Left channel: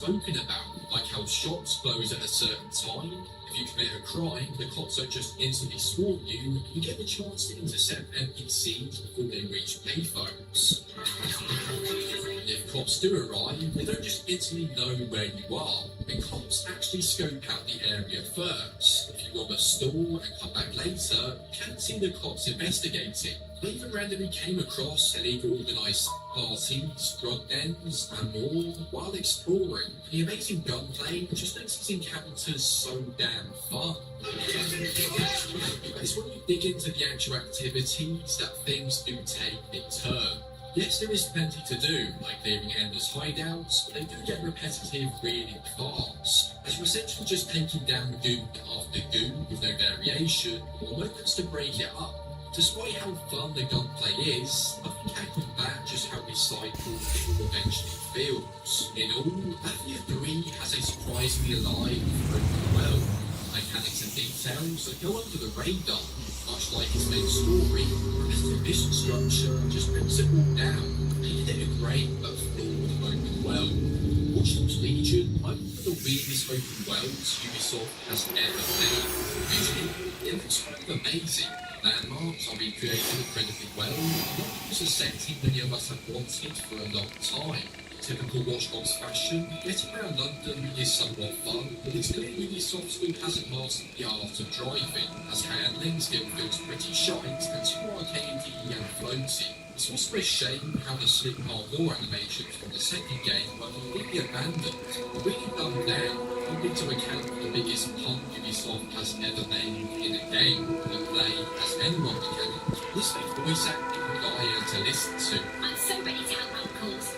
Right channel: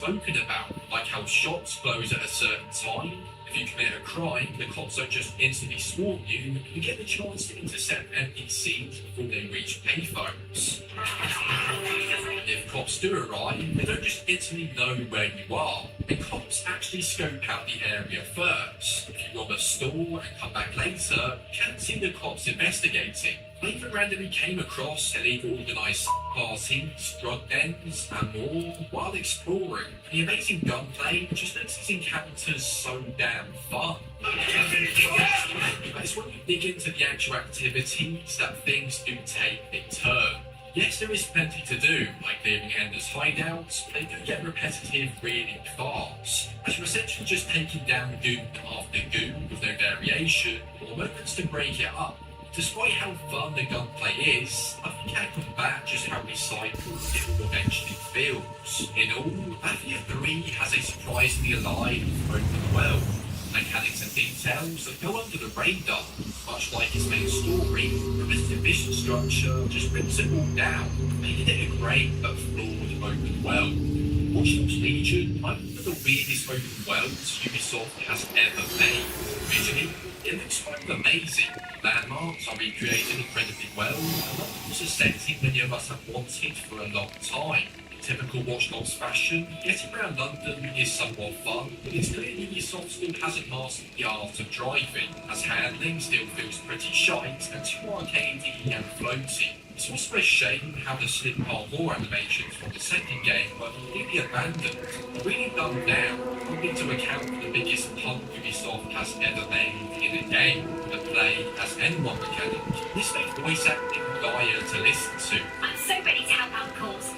spoken about, like how shops close at a certain time. If you commit a crime, the cops don't just instantly swarm you, you get the chance to intercept NPCs before they reach payphones. If cops do arrive, they don't just instantly know where you are. The cops actually scope out the area first. If you rob a store and come back later, you can't see the cops investigating. I even randomly came across illegal organised parties, drug dens, and more while exploring. And the amazing gunplay just makes these encounters so damn fun. But it's when you dig into the actual activities that things do take a turn. Yes, there is plenty to do, like clearing Ender's hideouts, but they do get repetitive really fast, as you're essentially just taking down goon after goon with no variation, or moments to break it up. Despite how fun the gunplay is, I think I can back just how recycled it will eventually feels. In all, Mafia 3 has a surprisingly alive open world, mechanics and details that go under the radar, much like its main story. Repetitive mission structure just brings it all down, making it a great but flawed open world. Watch Dogs Legion might be the weirdest open worlds Ubisoft has ever made. Visually, it looks kind of amazing. Landmarks are recreated incredibly well, not just a setting many of us have wanted for a long time. Typical Watch Dogs fashion, getting around London is somewhat fun, but it's clear Ubisoft still hasn't mastered the art of driving, as handling still feels pretty shite and too arcadey and floaty. It's also a shame how the slick parkour animations from the second game were completely abandoned, really dumbed down, only to account for the biggest punt Ubisoft has ever made in a game, the play as anyone mechanic. This makes voice acting dire to listen to. I'm so ready to help out, cause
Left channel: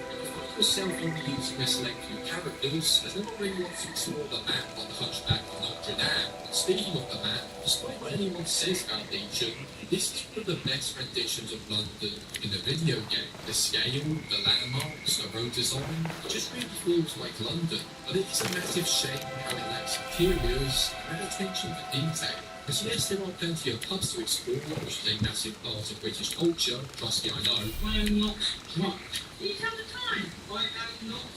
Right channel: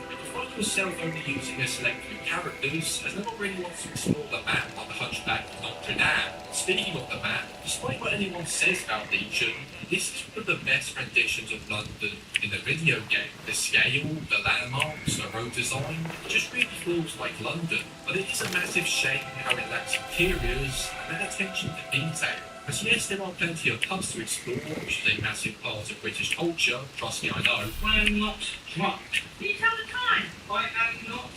Yourself only using a select few characters, as no one really wants to explore the map like the Hunchback of Notre Dame. Speaking of the map, despite what anyone says about Legion, this is one of the best renditions of London in the video game. The scale, the landmarks, the road design, it just really feels like London. But it is a massive shame how it lacks interiors and that attention to detail. As yes, there are plenty of pubs to explore, which is a massive part of British culture, trust me, I know. I am not drunk. can you tell the time? I am not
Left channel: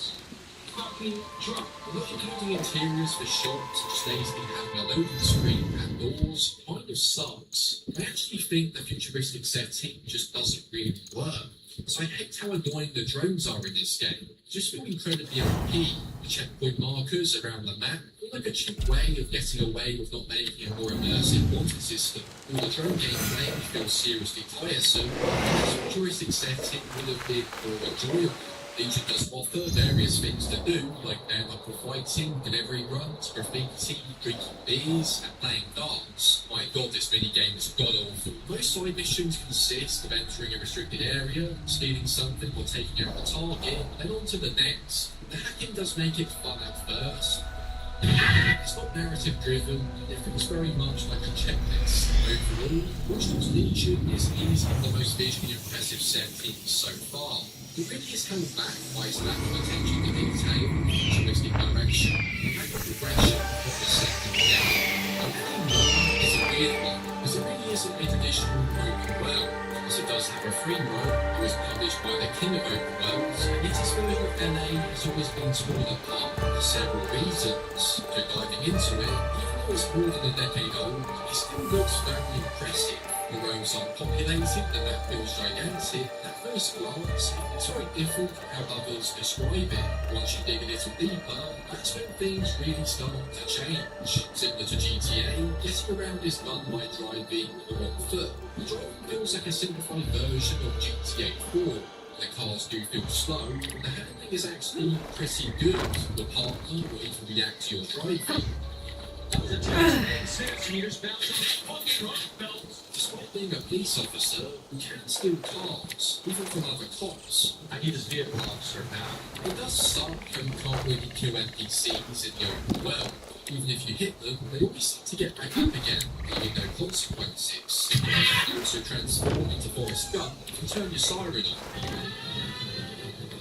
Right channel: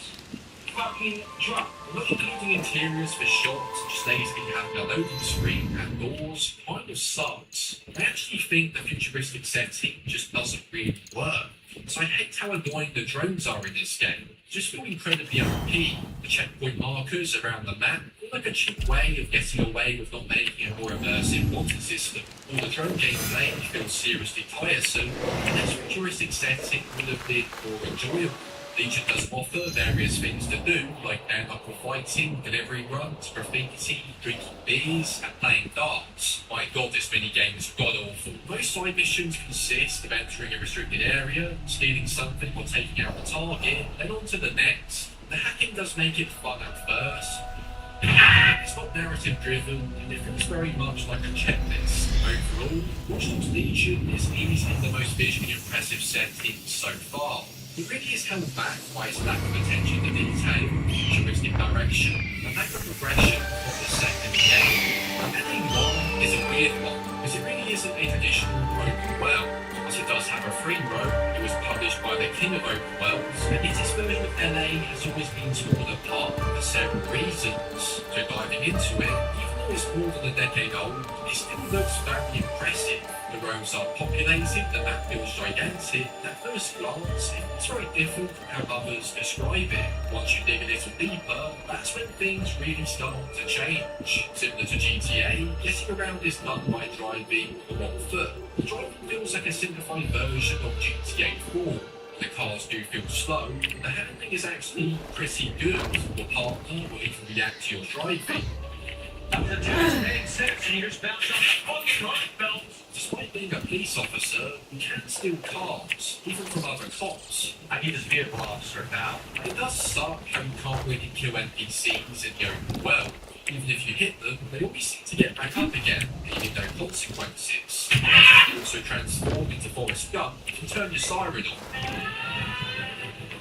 fucking drunk. Not including interiors for shops, just lazily having a loading screen and doors, kind of sucks. I actually think the futuristic setting just doesn't really work. So I hate how annoying the drones are in this game. Just feel incredibly OP. The checkpoint markers around the map feel like a cheap way of getting away with not making a more immersive wanted system. All the drone gameplay feels seriously tiresome, and this futuristic setting would have been more enjoyable. Legion does offer various things to do, like bare knuckle fighting, delivery runs, graffiti, drinking beers, and playing darts. My god, this minigame is god-awful. Most side missions consist of entering a restricted area, stealing something or taking out the target, then on to the next. The hacking does make it fun at first. It's not narrative driven, and it feels very much like a checklist. Overall, Watch Dogs Legion is easily the most visually impressive setting so far. It really is held back by its lack of attention to detail, futuristic direction, and lack of progression of the second game. And Ending 1 is a weird one, because it really isn't a traditional open world. As it does have a free roam, it was published by the king of open worlds, and its version of LA has always been torn apart for several reasons. So diving into it, even though it's more than a decade old, it still looks very impressive. The roads are populated, the map feels gigantic. At first glance, it's very different from how others describe it. Once you dig a little deeper, that's when things really start to change. Similar to GTA, getting around is done by driving on foot. The driving feels like a simplified version of GTA 4. The cars do feel slow, but the handling is actually pretty good. Your partner will even react to your driving. Dr. Tazman says he was bound on the right belt. Despite being a police officer, you can steal cars, even from other cops. I need his vehicle, officer, now. It does suck how you can't really kill NPCs in the open world. Even if you hit them, they always seem to get back up again, leaving no consequences. You can also transform into Forrest Gump and turn your siren on.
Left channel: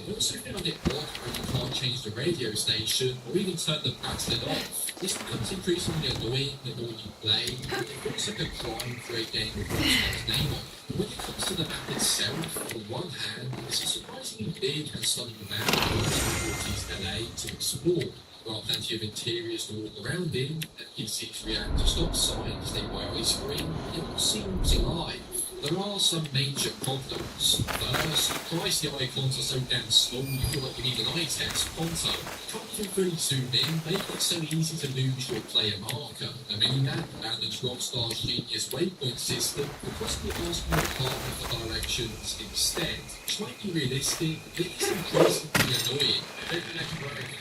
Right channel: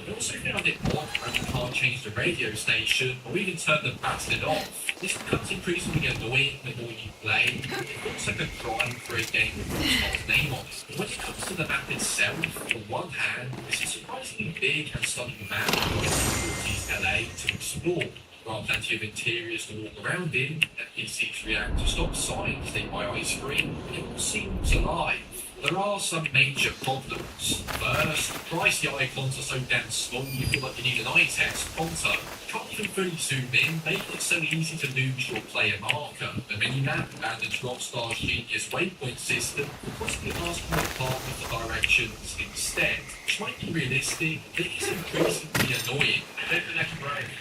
I also found it odd how you can't change the radio station or even turn the bastard off. This becomes increasingly annoying the more you play. It feels like a crime for a game with Rockstar's name on it. But when it comes to the map itself, on one hand, it's a surprisingly big and stunning map with LA to explore. There are plenty of interiors to walk around in, NPCs react to stop signs, they buy ice cream, it all seems alive. There are some major problems. First, Christ, the icons are so damn small you feel like you need an eye test. Ponto, you can't even fully zoom in, making it so easy to lose your player marker. The minimap abandons Rockstar's genius waypoint system, but possibly asking your partner for directions instead, which might be realistic, but it is increasingly annoying. Take the next break.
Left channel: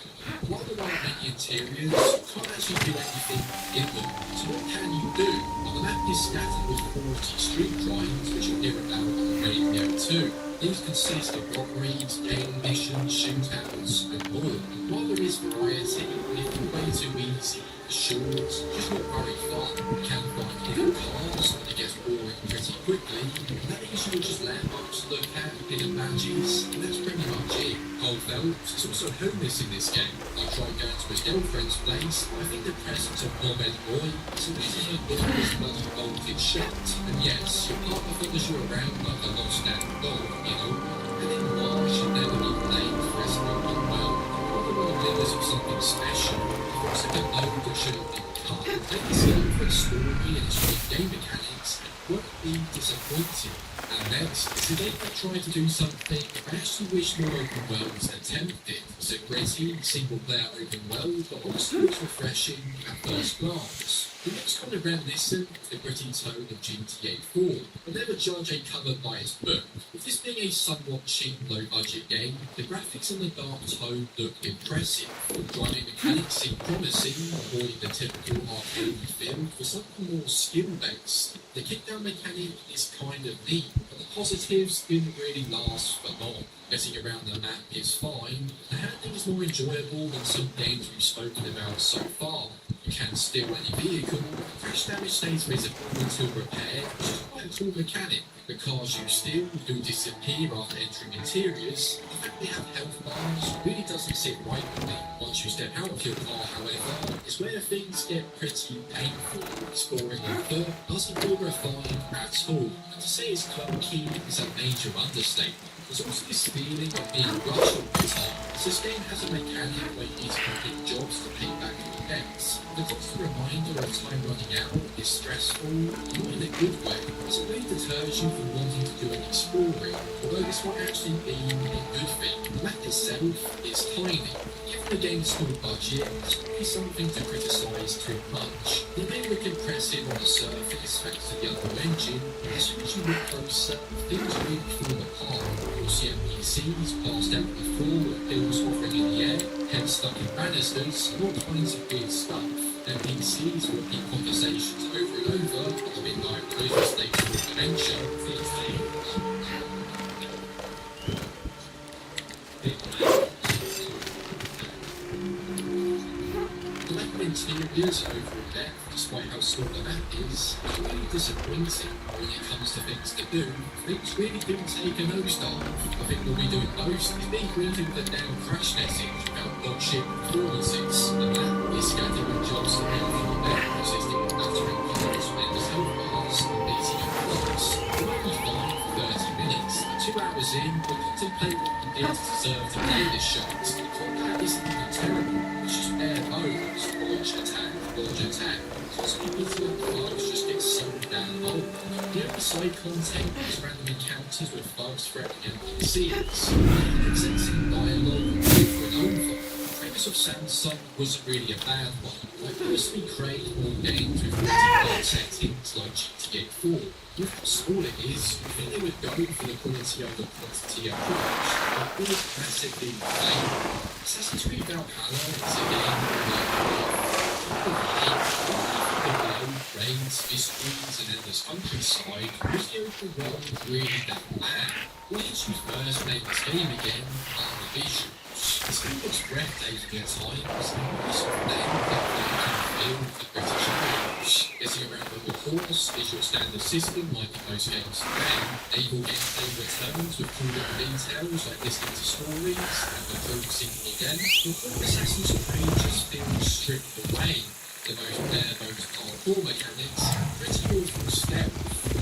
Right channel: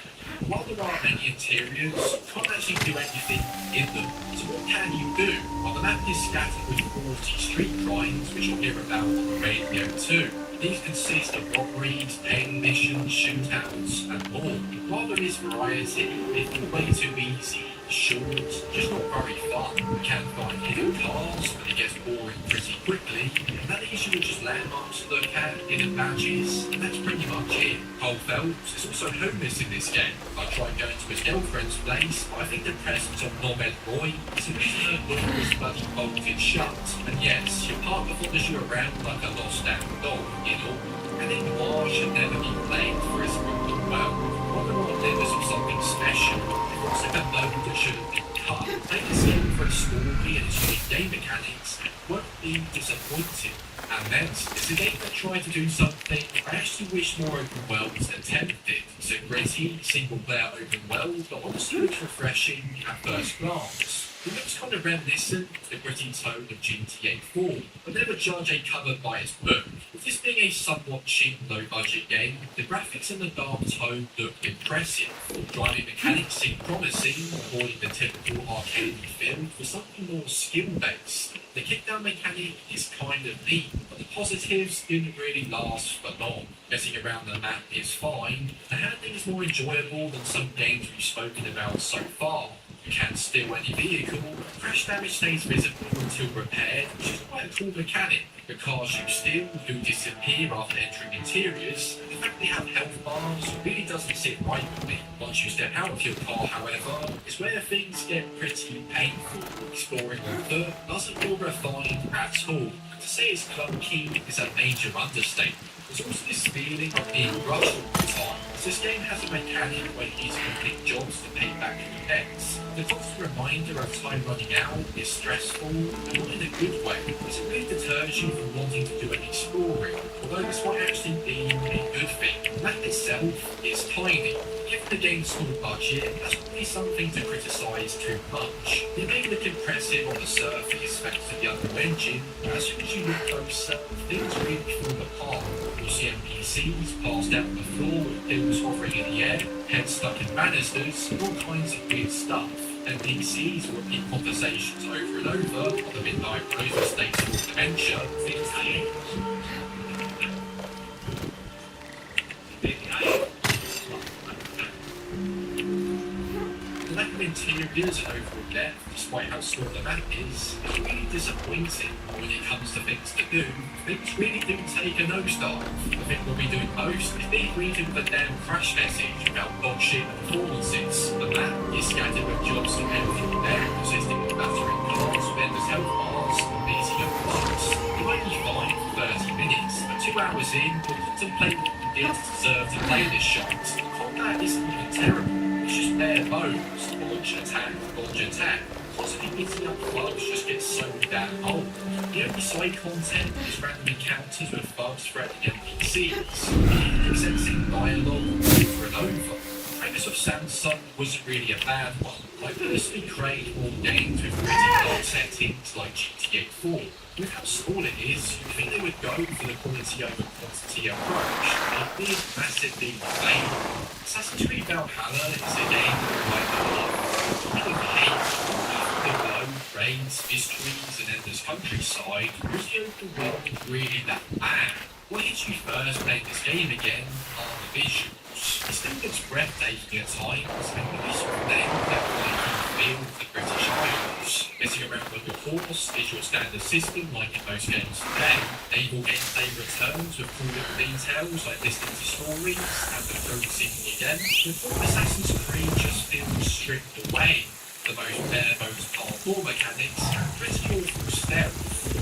While there are many interiors, you can't actually do anything in them. So what can you do? Well, the map is scattered with 40 street crimes, which you'll hear about on the radio too. These consist of robberies, paying missions, shootouts, and more. While there is variety, it can be way too easy, short, just not very fun. You can find hidden cars, but it gets boring pretty quickly. And that leaves you with just landmarks to look at, hidden badges, and that's pretty much it. Cole Phelps is also homeless in this game. I tried going to his girlfriend's place, but I think the presence of Mohamed Roy is the reason her door was bloody bolted shut. And yes, your partner follows you around like a lost damn dog, you know. And then Noir should never be blamed for his broken well. Rather than delivers of something special, it looks like a note that should have been cut. Take a skill for its story and its unique game mechanics, won't be disappointed. And next, it's a game that tried to do something I actually wish more open worlds attempted. It's a gritty, single-player open world, but honestly looks refreshing at first glance. It looks kind of reminiscent of the gritty tone of GTA 4, but never judge a cover by its book. With this being a somewhat cheap, low-budget game, the graphics and the dark tone look impressive. Driving mechanics seem promising, avoiding the typical arcade feel for something more skill-based. The kickdown mechanic is kind of neat, but the positives didn't really last for long. Getting around the map is fine. The handling is more enjoyable than some games we've spoken about so far. You can steal any vehicle, crash damage stays visible until repaired, which is quite a cool mechanic. The cars you steal do disappear after entering interiors. The fact they have health bars really doesn't sit right with me. Once you step out of your car, however, is where things get pretty painful. Exploring on foot doesn't feel refined at all. And to say it's clunky is a major understatement. There's also this feeling of being rushed all the time. So this game has a mechanic where you need to complete jobs to pay back your debts. The constant reminder of time running out is stressful, and not in a good way, as it really deters you from wanting to do any exploring, although this might actually be a good thing. The map itself is tiny. Given the game's small budget, that's probably something to criticise too much. It may look impressive on the surface thanks to the Unreal Engine, but as soon as you look closer, things really fall apart. You'll see NPCs passed out on the floor with pills hovering in the air, heads stuck in banisters, and all kinds of weird stuff. NPCs will repeat conversations over and over on the midnight road of states of dementia, things like the lack of interiors and overall depth, despite how small the map is really disappointing. When it comes to things to do, things really do take a nosedive. I think we'll be doing most is being greeted with a damn crash message about bullshit performances. The map is scattered with jobs to help you there, consisting of battering cars, vendors' health bars, and beating up bugs. You might be fine for 30 minutes, but 2 hours in, we'll contemplate what you did to deserve to play this shot. The combat isn't even terrible. It's just bare bones, launch attack. Constantly beating up bugs just gets so damn old. The only side content is random encounters with bugs threatening NPCs, accepting dialogue over and over. The premise of Samsung wasn't really a bad one. I personally crave more games with multi-player settings like GTA 4. With how small it is, you think they would go for the quality over quantity approach, a big, massive leap of faith. Assassin's Creed Valhalla is a game that I hate the world, raids, mysteries, and endless countryside. Was the open world really that bad? What hits you first playing this game again are the visuals. It still looks breathtaking at times, and the visual name definitely feel the British visuals. Getting around on the course is your standard system, like in most games today. Able gameplay returns with cool little details like listening to stories and the film singing again. The Assassin's Creed just feels stripped away the most bare bones parkour mechanics, but it's awful stealth.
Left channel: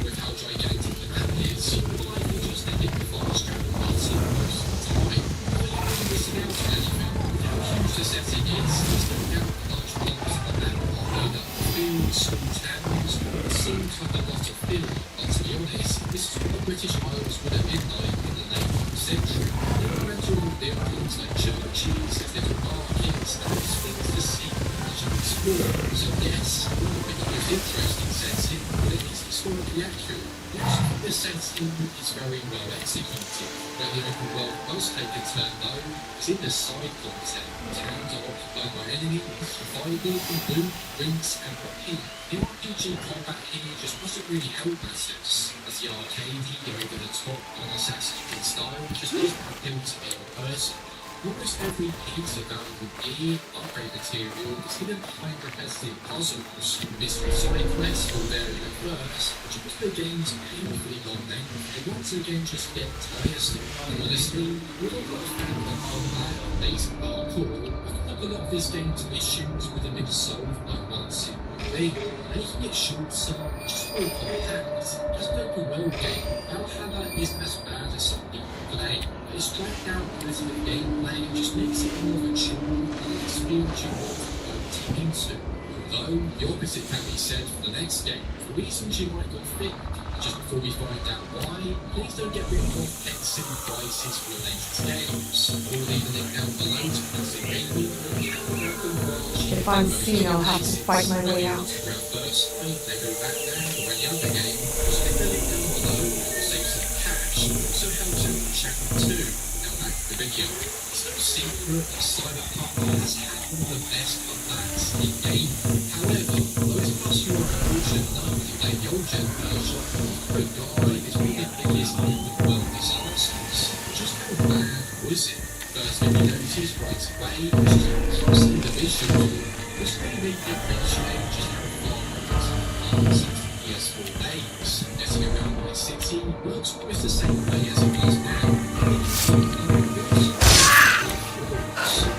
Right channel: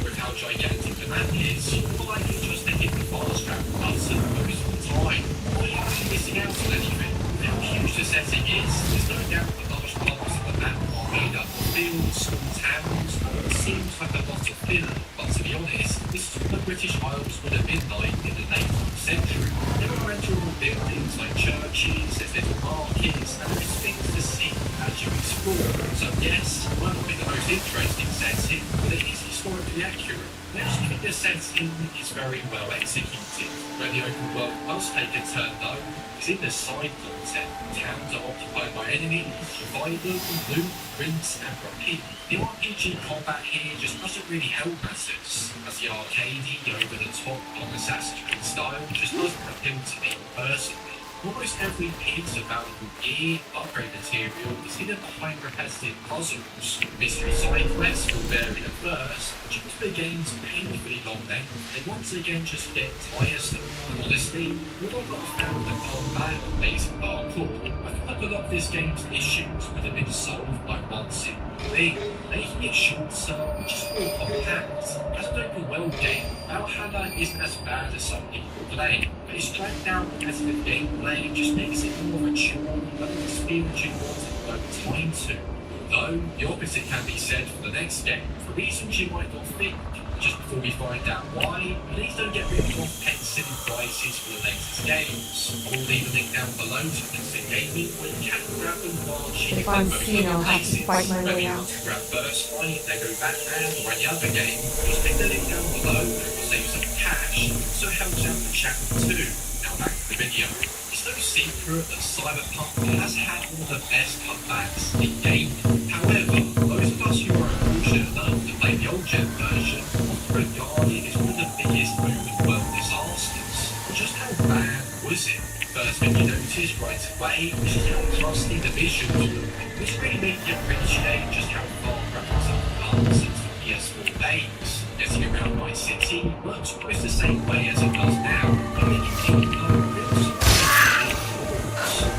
With how gigantic the map is, you're likely just to hit the fast travel button most of the time. Or you're really missing out on anything. With how huge the setting is, there's no doubt that most parts of the map are made up of fields, small towns. It seems like a lot of filler, but to be honest, this is what the British Isles would have been like in the late 19th century. There were rental buildings like churches, there's little markets, and there's things to see as you explore. So yes, it might not be the most interesting setting, but it is historically accurate. I actually think the setting is very well executed. Where the open world does take a turn though, is in the side content. Towns are occupied by enemies, survival, loot, drinks, and repeat. The RPG combat here just doesn't really help matters, as the arcadey, over-the-top, non-Assassin's Creed style just doesn't appeal to me personally. Almost every piece of valuable gear, upgrade material is hidden behind repetitive puzzles. Mystery side quests will vary at first, but due to the game's painfully long length, they once again just get tiresome. And honestly, we're not a fan of the combat or basic parkour. I feel like a lot of this game's issues would have been solved by one simple thing, making it shorter, just more compact. As an open world game, Valhalla isn't as bad as some people claim, but its dragged out repetitive gameplay just makes it more of a chore than an experience you want to devote time to. Though, the opposite can be said for the next game, for reasons you might not think. Just before we find out why, please don't get ripped off paying silly prices for the latest games. I'll leave a link down below to Instant Gaming where you can grab them while If I'm seen, I'll have to fight my way out. Grab Burst Light, Lego Batman, or any other game, just click the link down below and we'll save some cash. It also helps out the channel too. Now back to the video. It's no secret that Cyberpunk has had one of the best comebacks in gaming. However, those of us who are unfortunate enough to play the old gen version often regarded as one of the biggest open world disasters. But just how bad was it? First thing you noticed right away was just how clumsy the visuals were, which really made you appreciate just how far from the since the PS4 days. Getting around my city works almost the same way as it does now.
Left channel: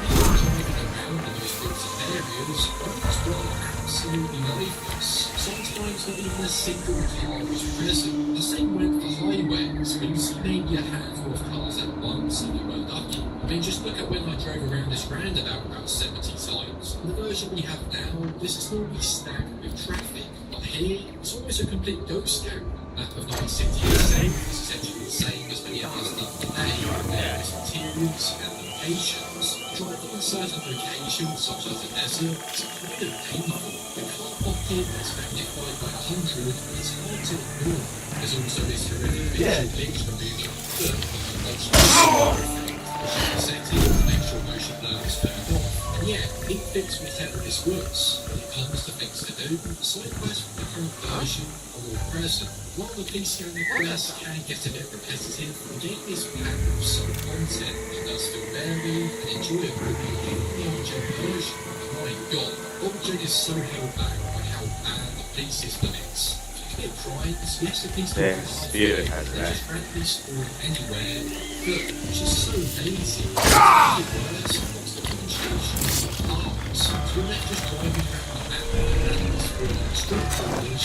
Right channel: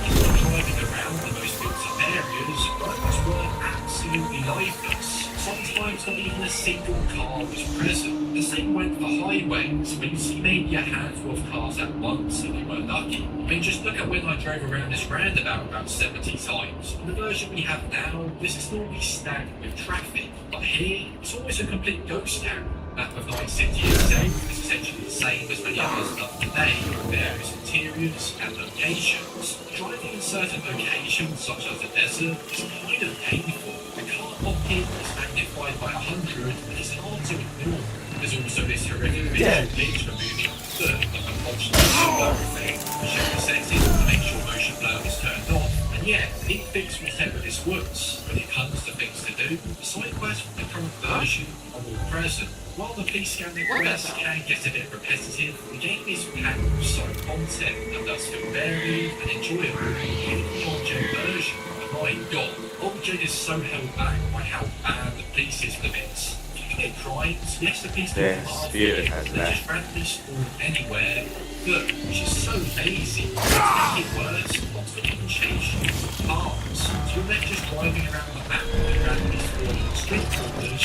Even driving around the most built-up areas, roads were absolutely lifeless. Sometimes not even a single car was present. The same went for highways, where you see maybe a handful of cars at once and you were lucky. I mean, just look at when I drove around this roundabout about 70 times. In the version we have now, this is normally stacked with traffic, but here, it's almost a complete ghost town. Map of Night City itself is essentially the same as many others done today, with various materials and locations. Driving in certain locations, such as the desert, is kind of painful. The car pocket is magnified by 100, and it's hard to ignore. There's also this horrific visual glitch for moving up foot, like a motion blur effect, which you can set in to make sure motion blur is turned off. And yeah, it fixed whatever this was. When it comes to things to do, the side quests from the current version are more present. While the PC and the quests can get a bit repetitive, the game is packed with solid content that does feel varied and enjoyable, even the on-gen version. But my god, on-gen is so held back by how bad the PC system is. You can get crimes, yes, the PC Yes, are Spirit here, has they that. just randomly spawn anywhere. Good, which is so lazy. To make it worse, lots of people change cars. So you're left just driving around the map and randomly spawning street corners.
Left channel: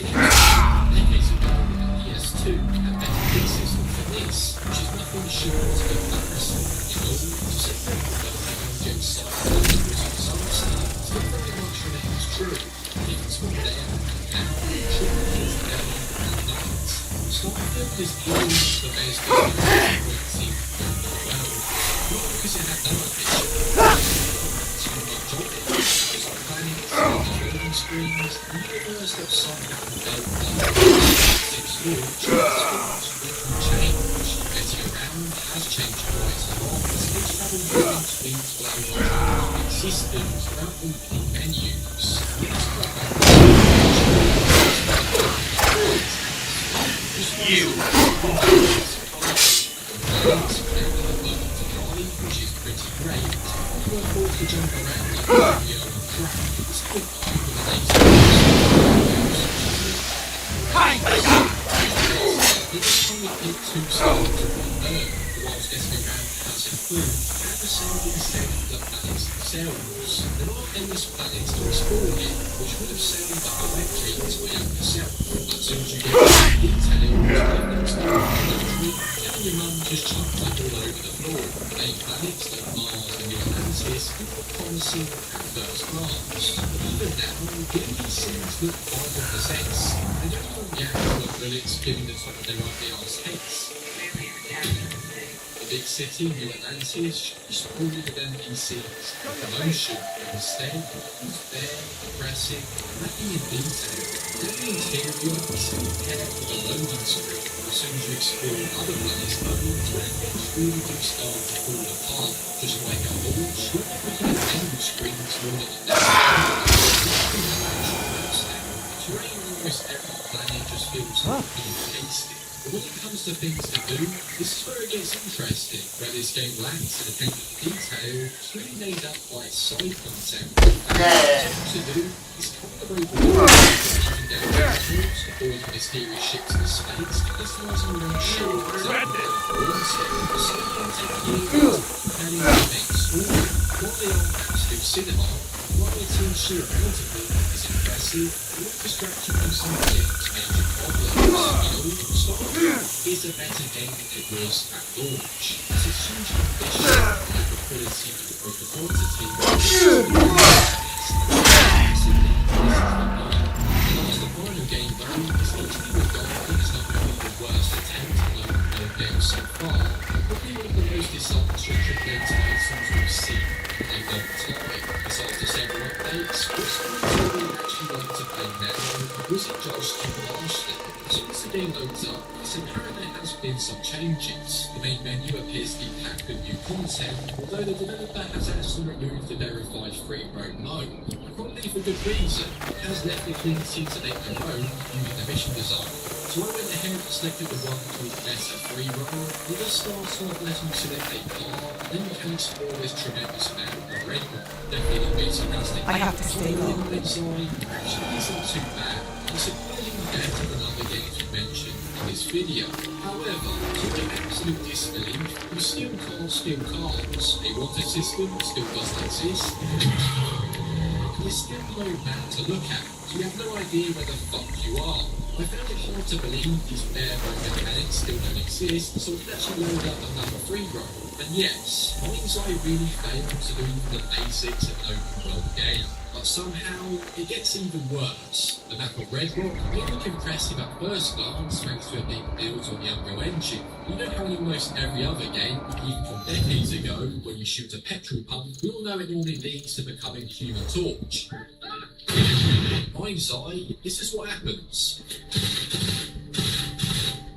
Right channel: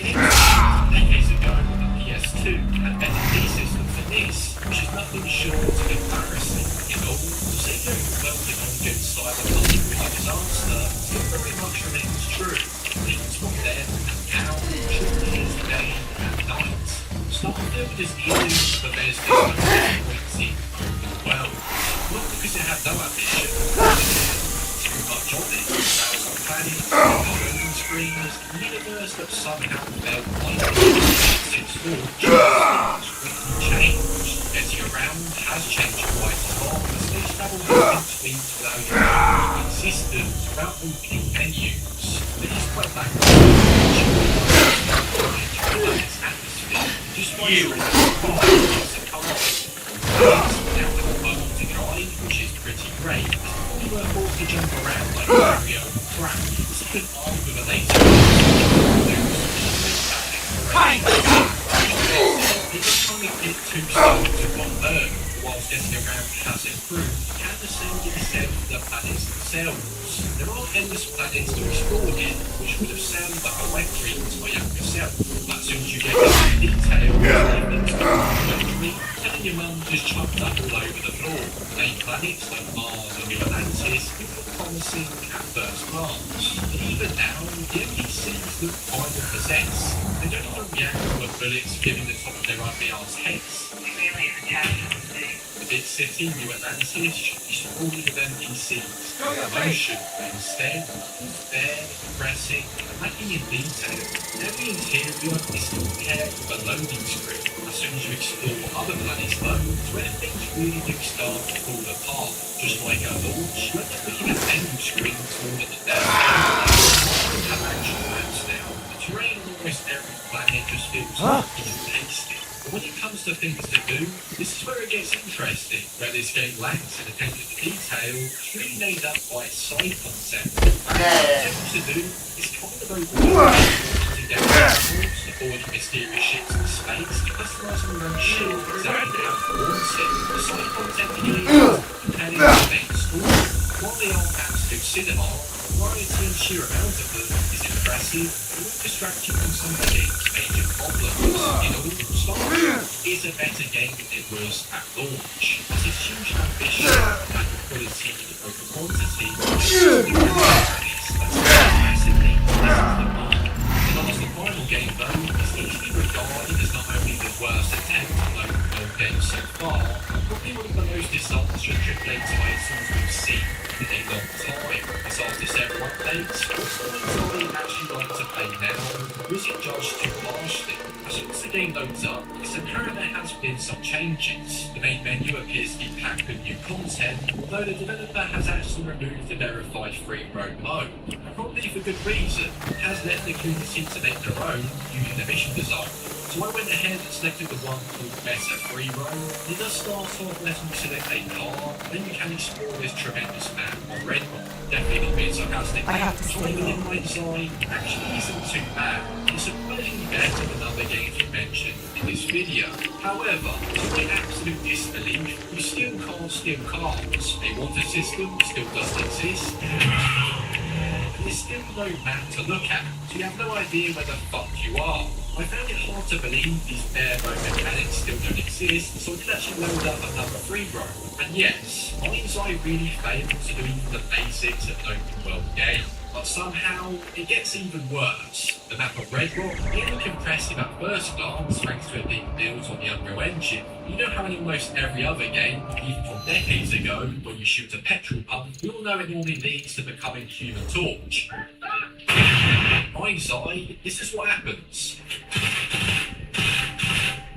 Decades ago, the PS2 had better key system than this, which is nothing short of embarrassing. In all, to say that the on-gen Cyberpunk was a disaster still very much remains true. Things from then and now, truly is day and night. Starfield is easy, but there's this frequency well. Not because it had no ambition, too much of it. Planning, loading screens, a universe that somehow felt like since launch, changed. Getting around has changed quite a lot. Space travel moving tweets without your systems, without walking menus. It is quite back to drive, which is pretty great. You were forced to jump around like Mario crap. It's a good arm with a laser. It just only hit 2 stars to 1 bird, whilst getting around has improved. Can the sound instead of the planet's themselves. There are endless planets to explore here, which would have sounded like a wet dream to my younger self. But as soon as you get into detail, things go quickly, telling your mum just chucked up all over the floor. Many planets like Mars and New Atlantis look promising at first glance. But even now, the NPCs look kind of possessed. They don't even react to bullets giving the top of their ugly arse heads. The big city, New Atlantis, should be supported with NPCs, emotion, but instead, it's bare, aggressive, and lacking in detail. Every interior is compared with a loading screen. As soon as you explore other planets though, it's where things really do start to fall apart. Just like a launch, when they're looking at menu screens more than a down. Have actual maps now. The terrain on almost every planet just feels lucky and tasty. But when it comes to things to do, this is where it gets interesting. Where this game lacks in attention to detail, it's really made up by its side concept. What to do is kind of overwhelming. Down sports, avoiding mysterious ships in space, customizing your own ship, example, wanted, the side content here, companion events, while they are absolute cinema, variety and sheer amount of them is impressive, it won't distract you from some things major problems. In all, Star Wars is a better game than it was at launch. It's a huge ambition, lack of quality over quantity, massively, this is the part. The final game though is easily regarded as not only the worst attempt on open world games so far, but probably one of the most disastrous AAA titles we've seen in a long time. As after several updates, what's the actually like to play now? Was it judged too harshly? As soon as the game loads up, it's apparent there has been some changes. The main menu appears to be packed with new content, although the developer has actually removed the verified free roam mode. And probably for good reason. It has left the community to make their own using the mission design. So I went ahead and selected the one called Better Free Roam. It does start off letting you select a car, then you can explore this tremendous map of Red Rock. Definitely not being sarcastic. I have to stay The low. design actually isn't too bad. It's surprisingly better than other games you mentioned in this video. However, to my absolute disbelief, you still can't steal cars. A water system still doesn't exist. And there's still no map to look at, so you have no idea where the fuck you are. I found it hard to believe these bare road mechanics still don't exist, so I did actually load up another free roam. And yes, Mind's Eye really failed to do the basics of an open world game. But somehow, it gets even worse. The map of Red Rock may look impressive at first glance thanks to a big build on the Unreal Engine. You know how in almost every other game, even from decades ago, when you shoot a petrol pump, we all know it normally leads to becoming Human Torch. Mind's Eye, this is what happens.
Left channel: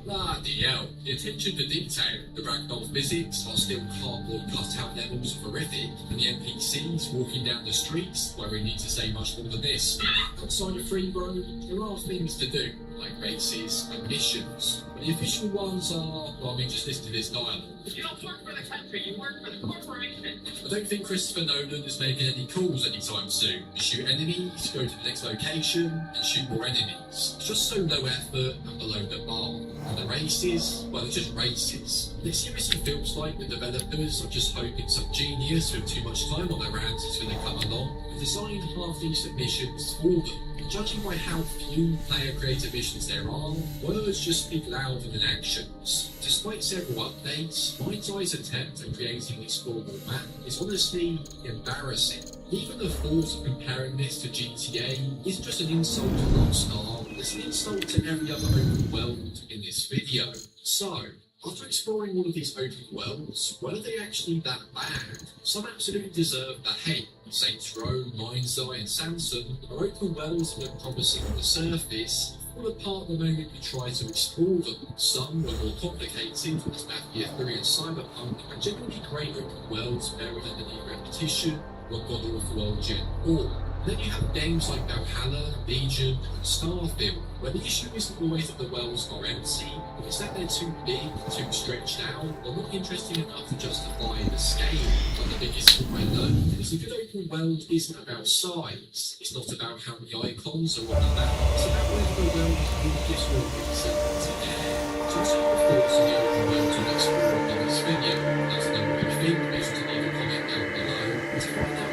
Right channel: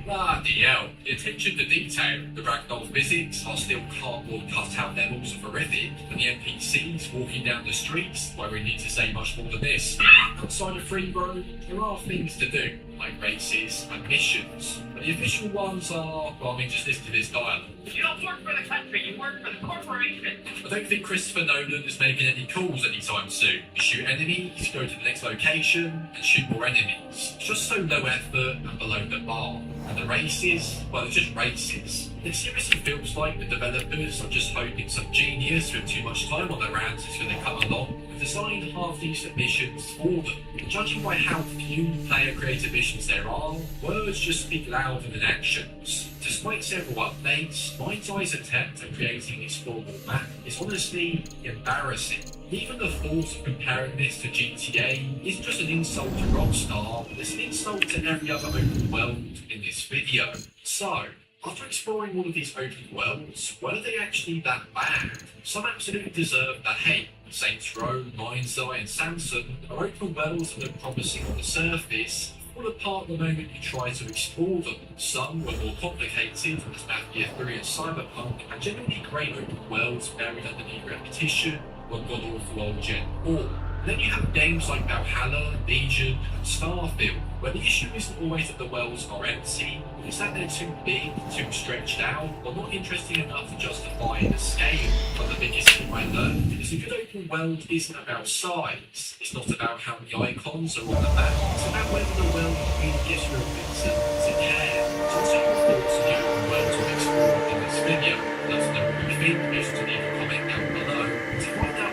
Bloody hell, the attention to detail, the ragdoll physics are still cardboard cut-out levels of horrific, and the NPCs walking down the streets, where we need to say much more than this. Outside of free roam, there are things to do, like races and missions, but the official ones are, well, I mean, just listen to this dialogue. You don't work for the country, you work for the corporation. I don't think Christopher Nolan is making any calls anytime soon. You shoot enemies, go to the next location, and shoot more enemies. It's just so low effort and below the bar. And the races, well, they're just races. It seriously feels like the developers are just hoping some genius with too much time on their hands is going to come along and design half-decent missions for them. And judging by how few player-created missions there are, words just speak louder than actions. Despite several updates, Mind's Eye's attempt at creating an explorable map is honestly embarrassing. Even the thought of comparing this to GTA isn't just an insult to Rockstar, it's an insult to every other open world in this video. So, after exploring all of these open worlds, were they actually that bad? Some absolutely deserve that hate. Saints Row, Mind's Eye and Samson are open worlds that look promising on the surface, fall apart the moment you try to explore them. Some were more complicated, as Mafia 3 and Cyberpunk, and generally great open worlds buried underneath repetition, one god-awful old Gen 4. Then you have games like Valhalla, Legion, and Starfield, where the issue isn't always that the worlds are empty, but it's that they're too big, too stretched out, or not interesting enough to justify the scale. But the biggest thing I learned is a good open world isn't about size. It's not about how many icons are on the map. It's about whether the world really gives you a reason to care. So what's your thoughts on the open worlds we've explored in this video? Let us know what you think. Please leave a comment down below. To find out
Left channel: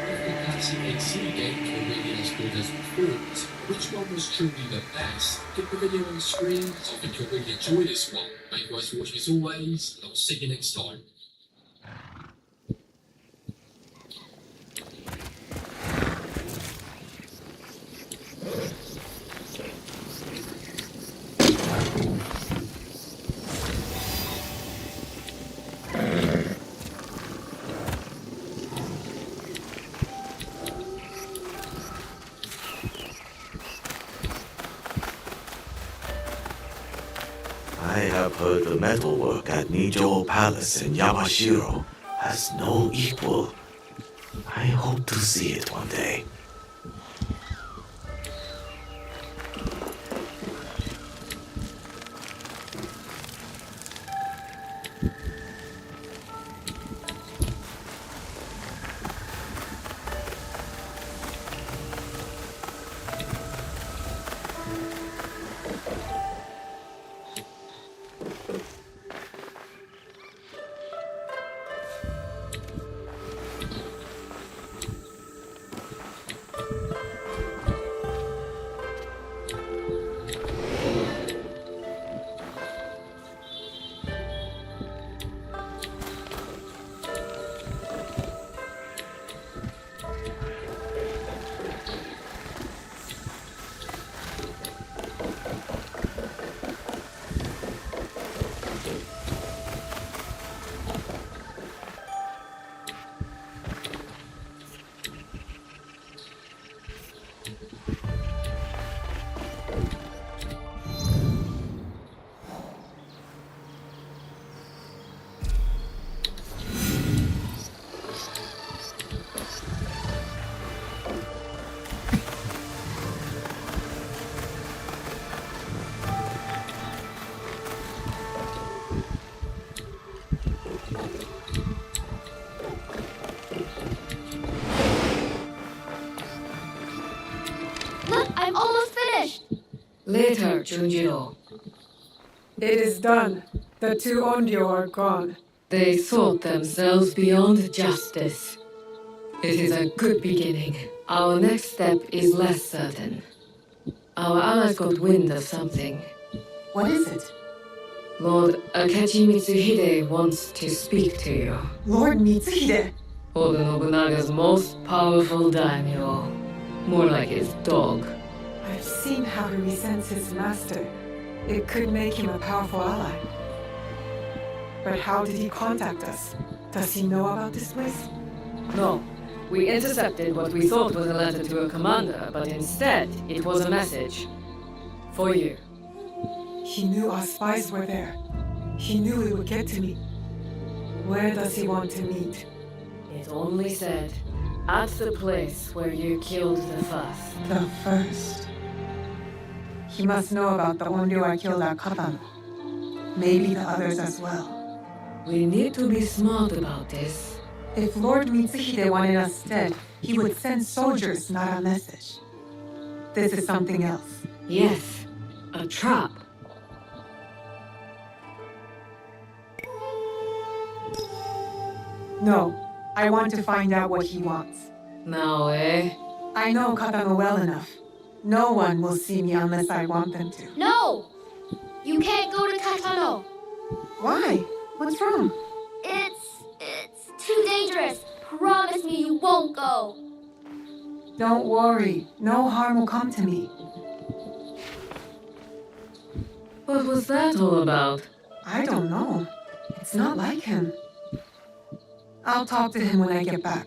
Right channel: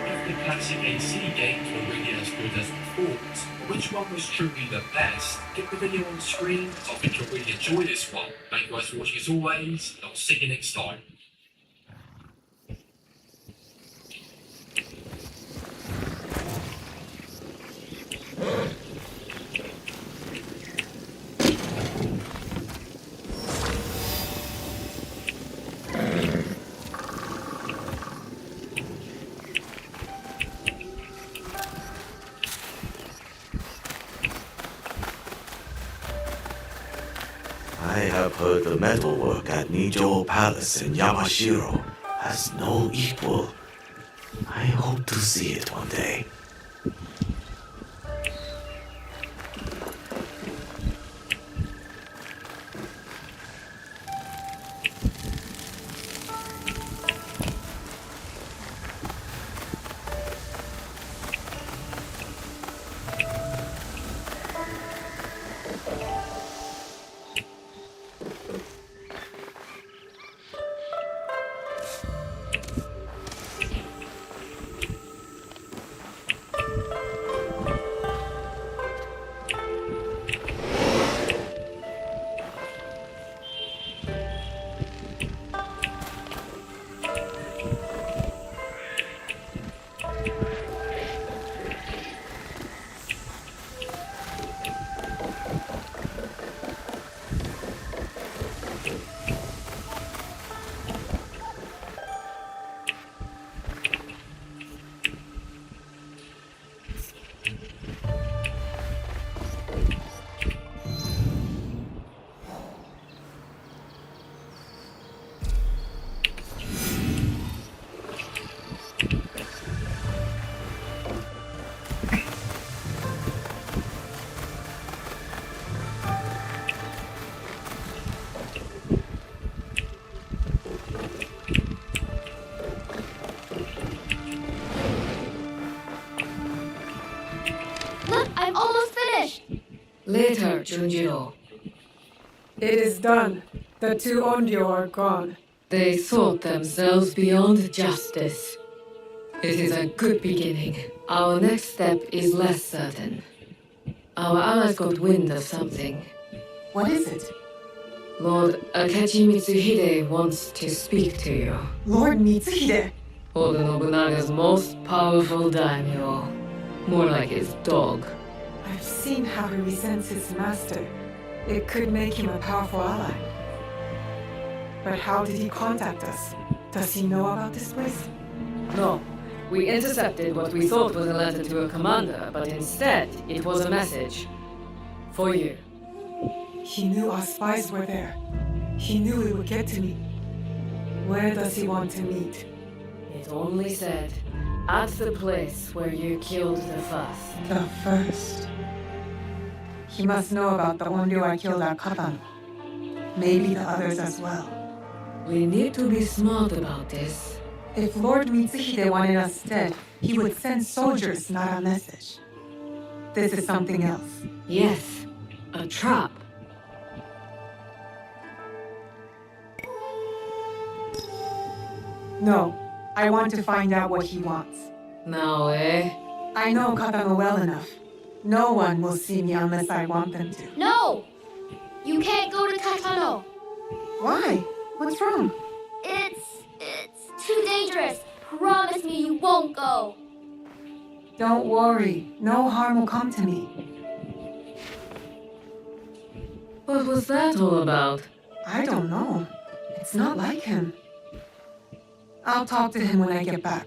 classic AC games were really as good as we thought. Which one was truly the best? Get the video on screen, because I think you'll really enjoy this one. Thank you guys for watching as always, and I'll see you next time. I have heard the metalwork at Nijo Palace in Yamashiro has no equal. I hope to see it one day. Look, I'm almost finished. Later, Junjiro. It is done. The two Onryo are gone. They thought themselves beyond justice. It is a good beginning. Our next step is less certain. Our allies got wind of something. What is it? Lord Akechi Mitsuhide wants to speak to you. Lord Mitsuhide. Oda Nobunaga's most powerful daimyo. More like his dog. I've seen how he resents his master. It could make him a powerful ally. But how did he contact us? Does he know about this place? No. We intercepted what we thought was a letter to a commander, but instead it was a message. For you. He knew our spies were there. He knew we would get to meet. Where does he want to meet? It only said, at the place where you killed the first. The first. He must know about the Onryo I killed at Katano. Maybe the others as well. We need to be smart about this. If Lord Mitsuhide wanted us dead, he would send soldiers, not a message. This is something else. Yes, a trap. No, I want to find out what he wants. Now, eh? I know Katano well enough. No one will see me unless I want them to. No! You can't go to Katano. Why? What's wrong? It's too dangerous. Promise me you won't go. Don't worry. No harm will come to me. What was that all about? I don't know. It's not like him. I'll talk to him when I get back.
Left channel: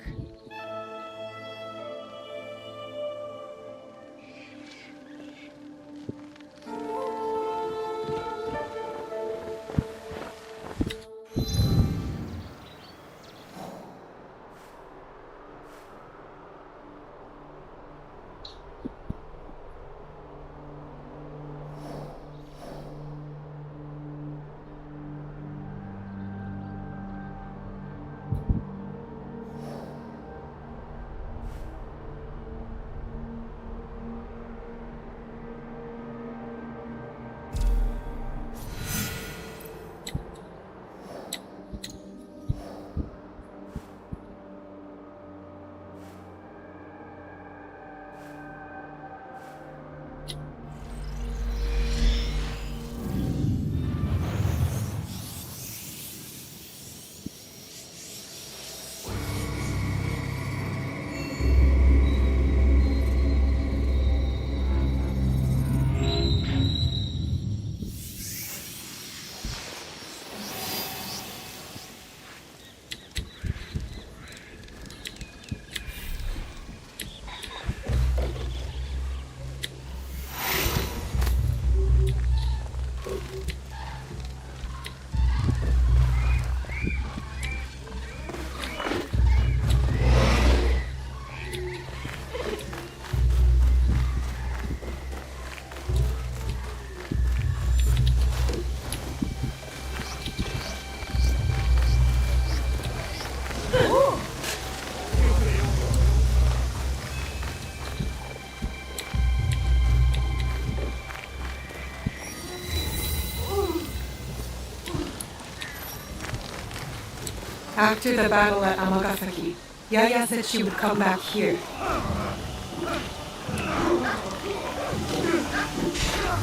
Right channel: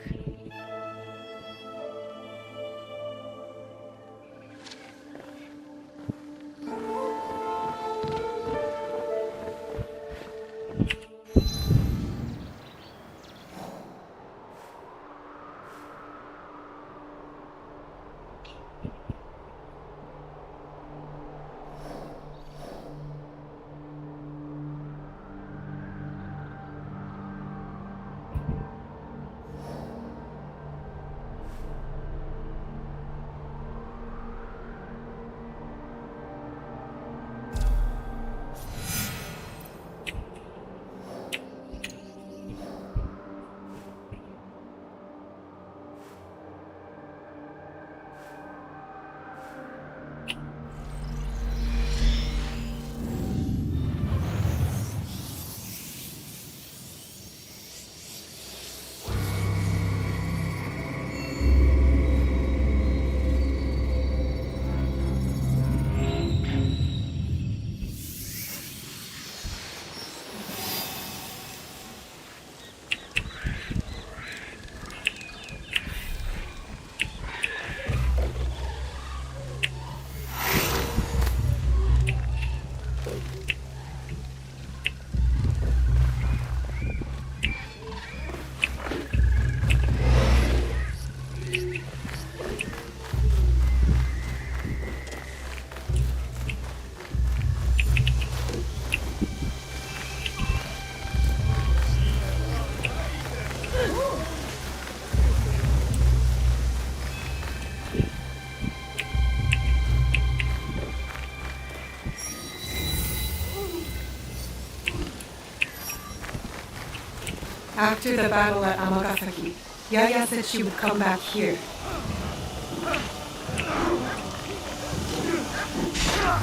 After the battle at Amagasaki, Yaya said she would come back here.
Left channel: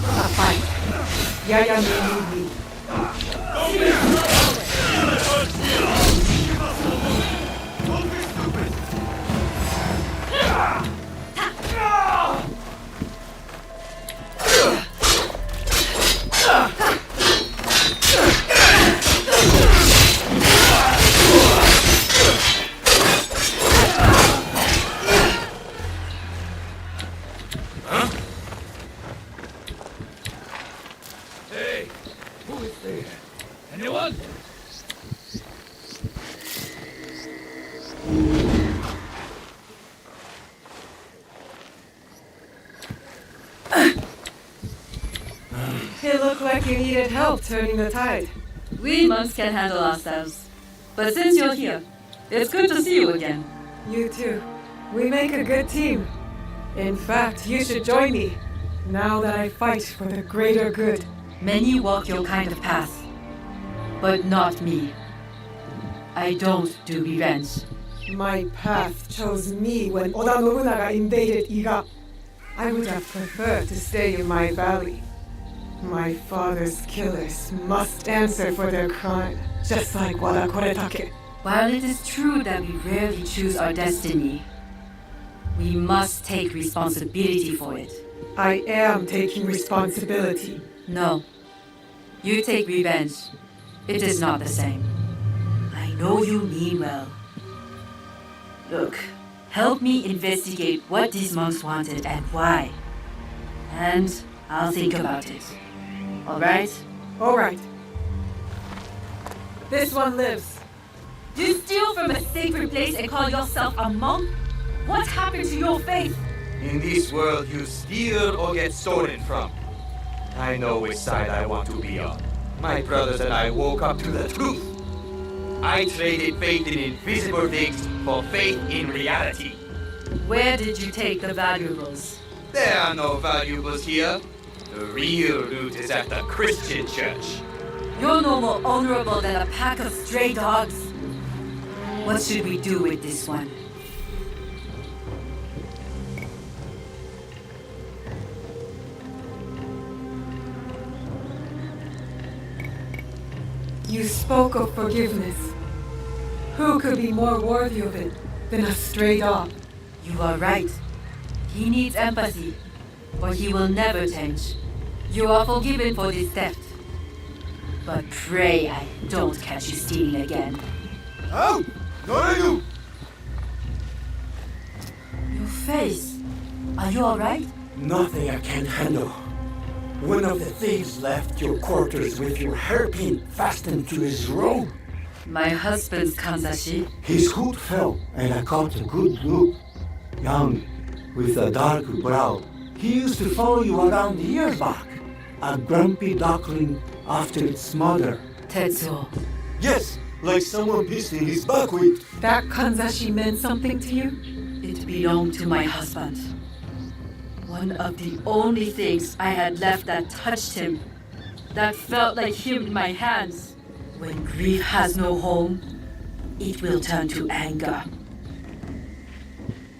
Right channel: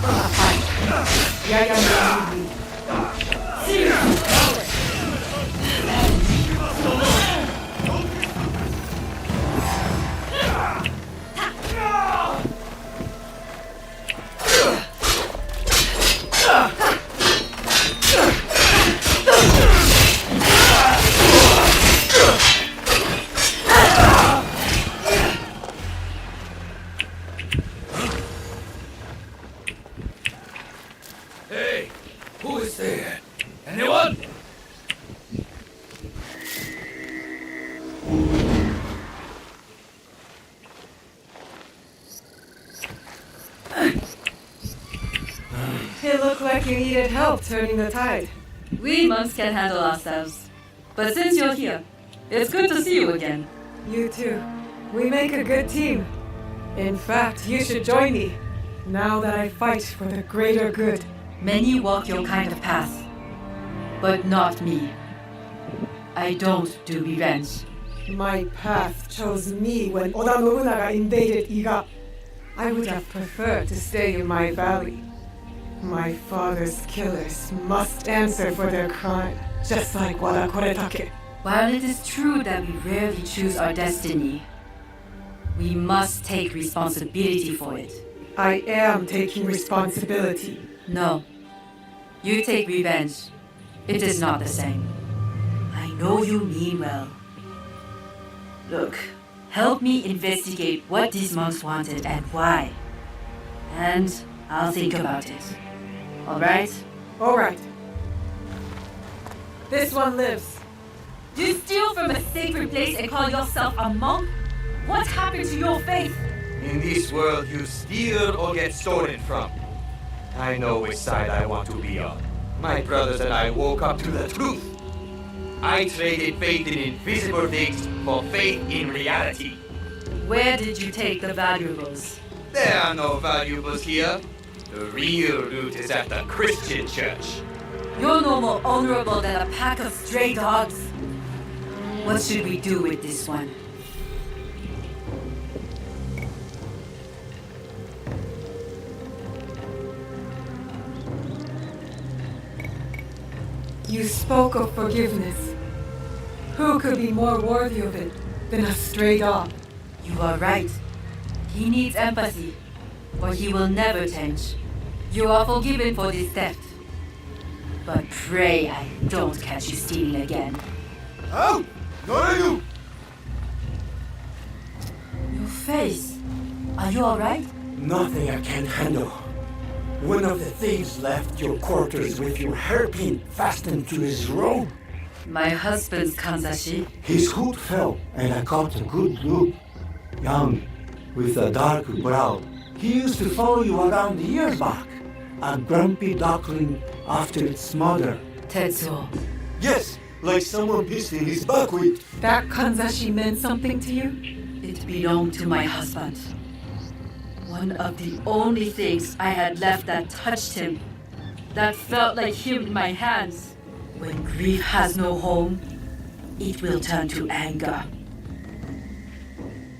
A fight. Yaya may need me. Hey, who is there? Anyone? It looked like you needed help turning the tide. We monks can handle ourselves. But since you're here, it's good to see you again. You too. We make a good team. In fact, you should join me, now that I fight for the greater good. Many walk your kind of path, but not me. I don't do revenge. My path chose me when Oda Nobunaga invaded Iga. I would have preferred to stay in my valley. My father's killers must answer for their crime, just like Wada Koretake. While it is true that we rarely choose our destiny, we must take responsibility for it. I am taking responsibility. No. You take revenge. It is not the same. I know you mean well. Look, help me investigate what these monks wanted and why. And I'll think about it. Alright? Alright. This one lives. You steal from a sacred place and call yourself a monk? What happened to your faith? In this world, you steal or get stolen from. I know which side I want to be on. My brothers and I woke up to the truth. I traded faith in invisible things for faith in reality. Where did you take the valuables? There are no valuables here. The real loot is at the Christian church. You're no more honorable than a pack of stray dogs. What should we do with this one? You spoke of forgiveness. Who could be more worthy of it than a stray dog? You are right. He needs empathy, or he will never change. You are forgiven for this theft. But pray I don't catch you stealing again. Oh! Not you! Your face. Are you alright? Nothing I can't handle. One of the thieves left your quarters with your hairpin fastened to his robe. My husband's Kanzashi. His hood fell, and I caught a good look. Young, with a dark brow. He used to follow you around the years back. A grumpy duckling after its mother. Tetsuo. Yes, like someone pissed in his buckwheat. That kanzashi meant something to you? It belonged to my husband. One of the only things I had left that touched him, that felt like him in my hands. When grief has no home, it will turn to anger.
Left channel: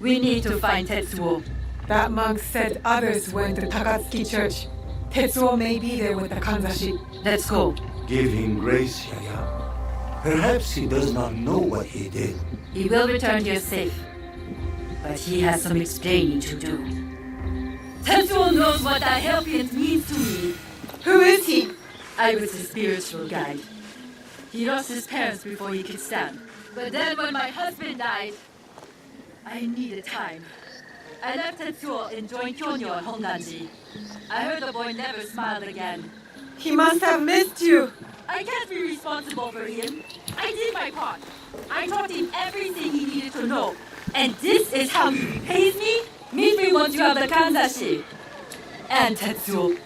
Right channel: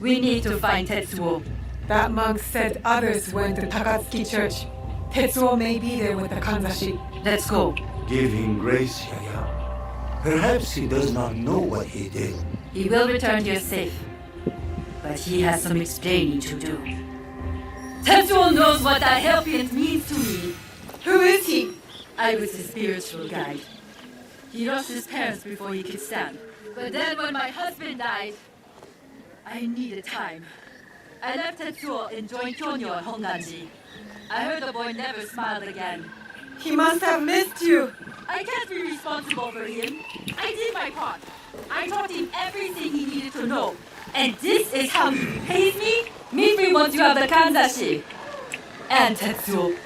We need to find Tetsuo. That monk said others went to Takatsuki Church. Tetsuo may be there with the kanzashi. Let's go. Give him grace, Yaya. Perhaps he does not know what he did. He will return here safe. But he has some explaining to do. Tetsuo knows what that hairpin means to me. Who is he? I was his spiritual guide. He lost his parents before he could stand. But then when my husband died, I needed time. I left Tetsuo and joined Kyonyo at Honganji. I heard the boy never smiled again. He must have missed you. I can't be responsible for him. I did my part. I taught him everything he needed to know. And this is how he pays me? Meet me once you have the Kanzashi. And Tetsuo.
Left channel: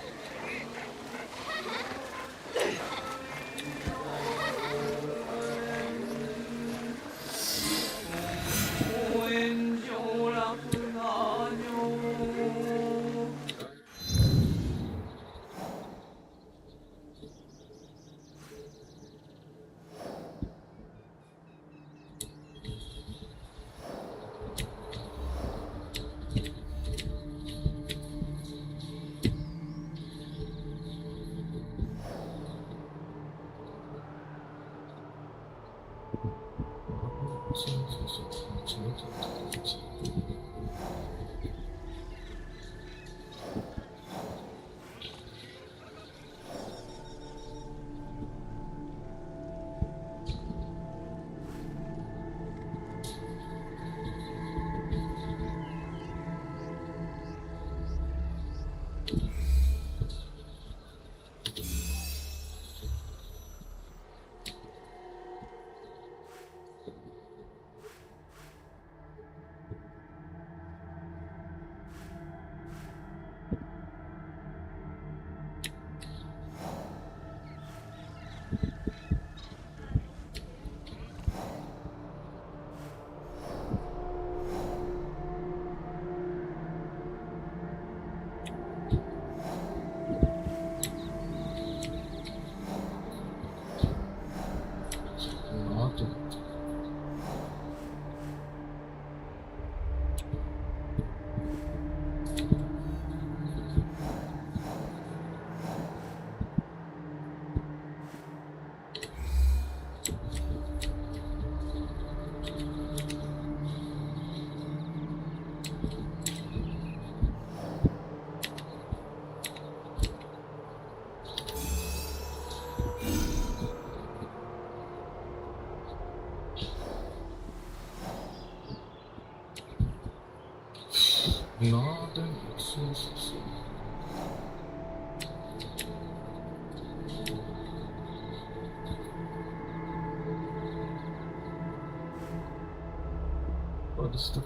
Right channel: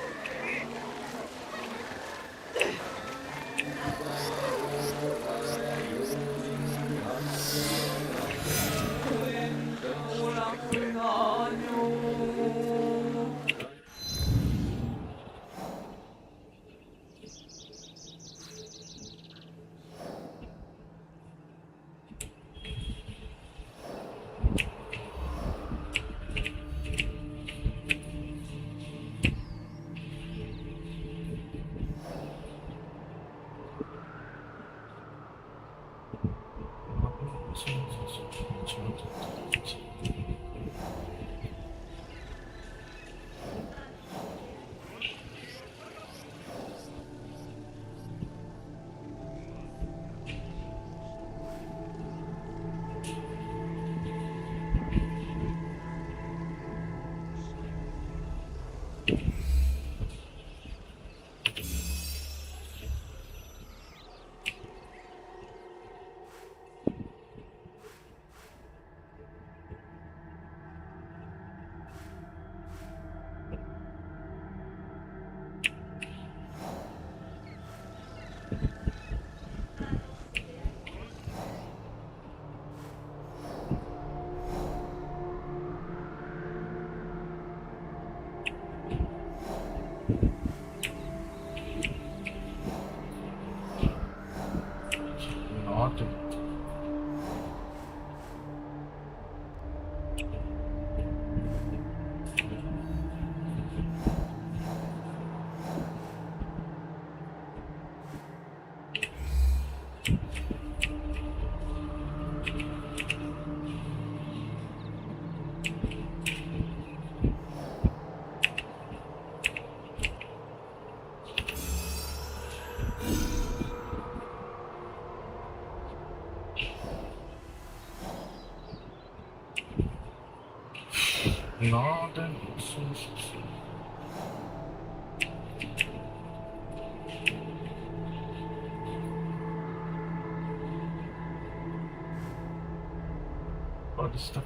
Ne yaptın? Nereden sus? What is the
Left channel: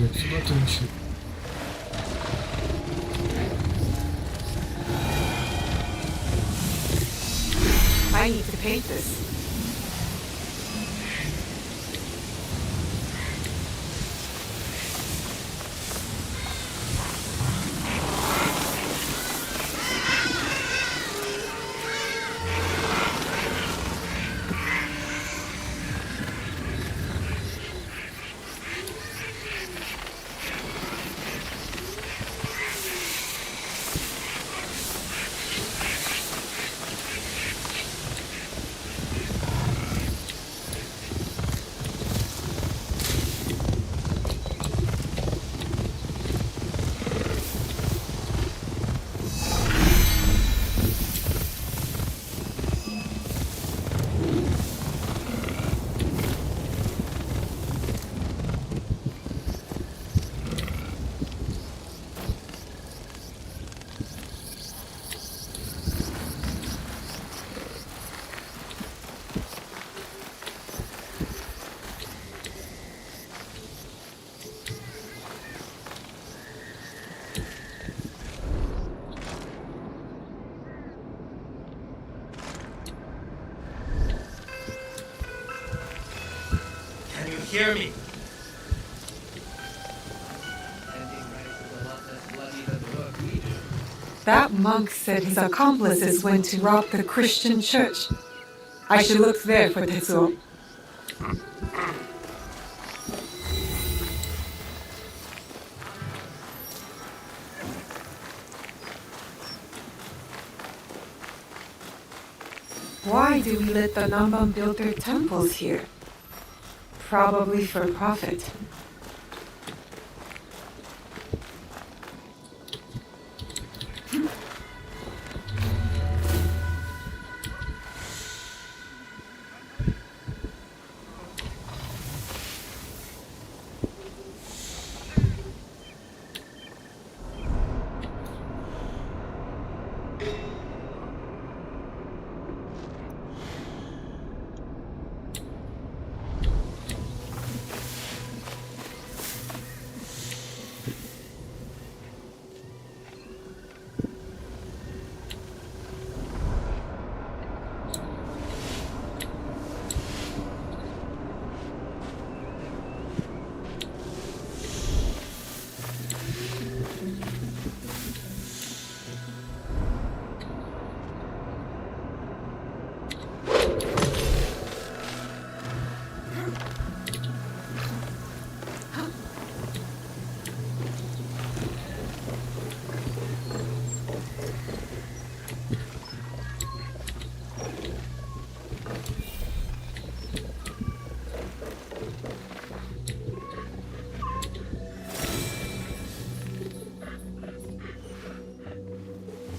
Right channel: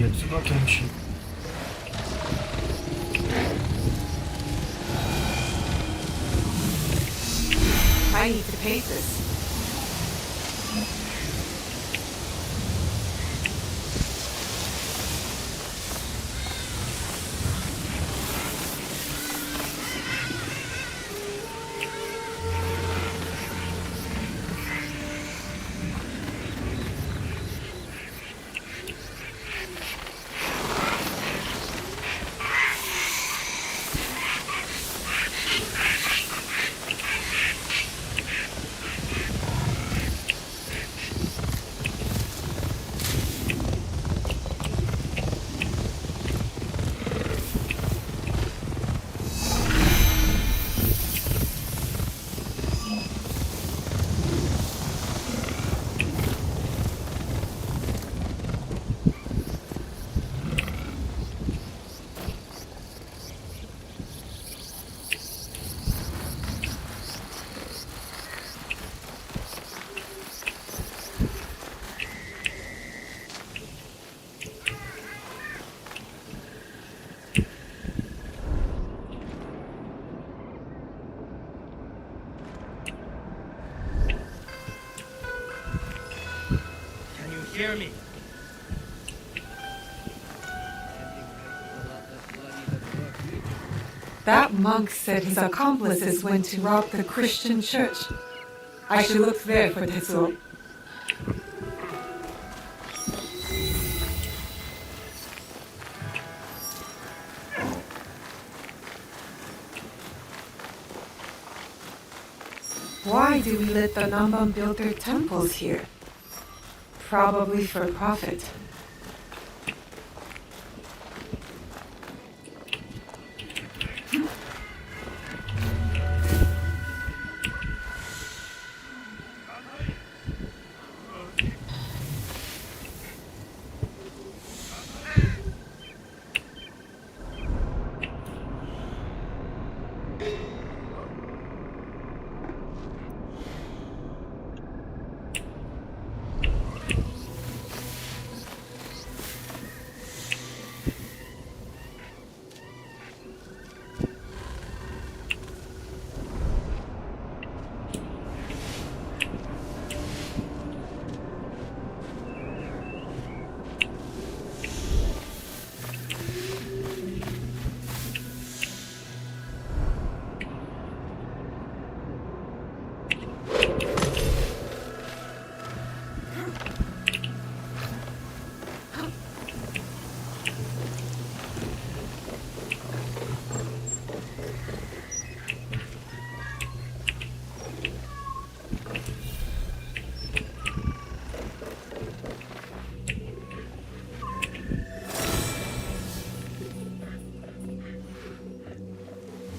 Yatsı batırmışım. I need to paint this. hear me. That monk said his accomplices went to rob the Christian church. I should look there for Tetsuo. Why do we let the Namban build their temples here? Probably for profit.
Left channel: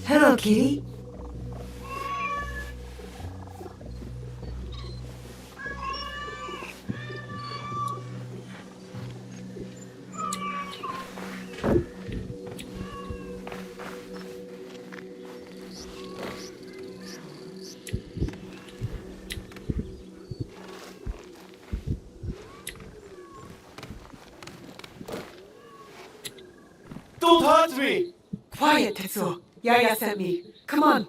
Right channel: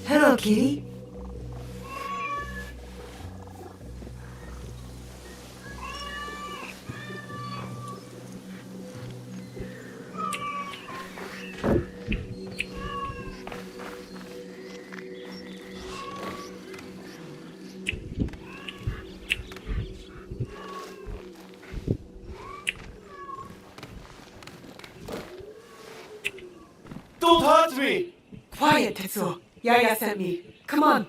Hello, kitty. Don't hurt me! Quiet, Tetsuo. Yaya sent me. Come on.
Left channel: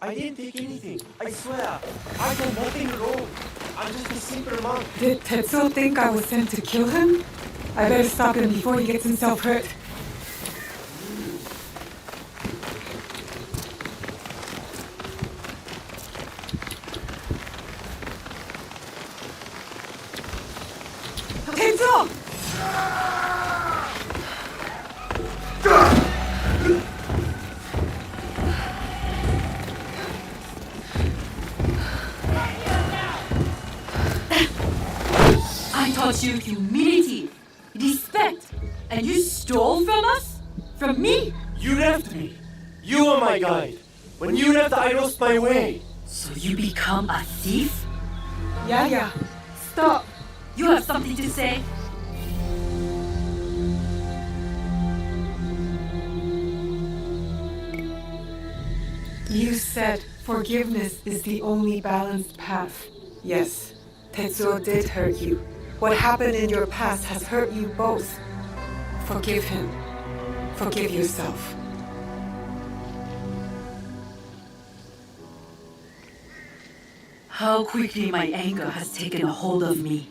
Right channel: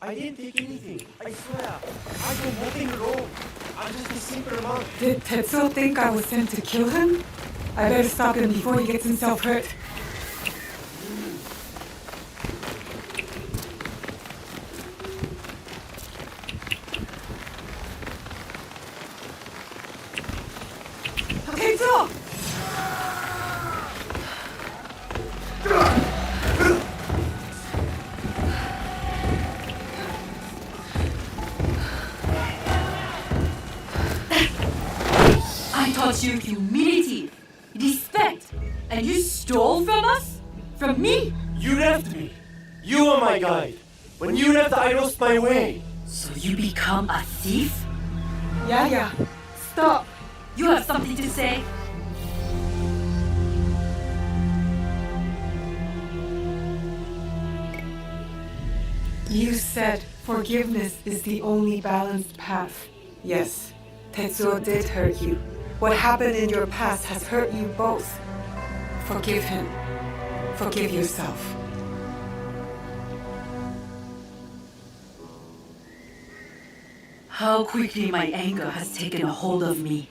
I didn't take anything. I swear. I did nothing wrong. I'm just a simple monk. Did Tetsuo think I was sent to kill him? I better stop him before he gets himself hurt. Tetsuo! I taught you humility, respect, and you stole from us? From me? You left me. You were my guide. When you left, I lost my way. So you become a thief? Yaya, stop. You have something to say? You said forgiveness is the only balanced path. Yes, Tetsuo did hurt you. What happened in your past has hurt you both. Forgive him. Forgive yourself. How quickly my anger has taken a hold of me.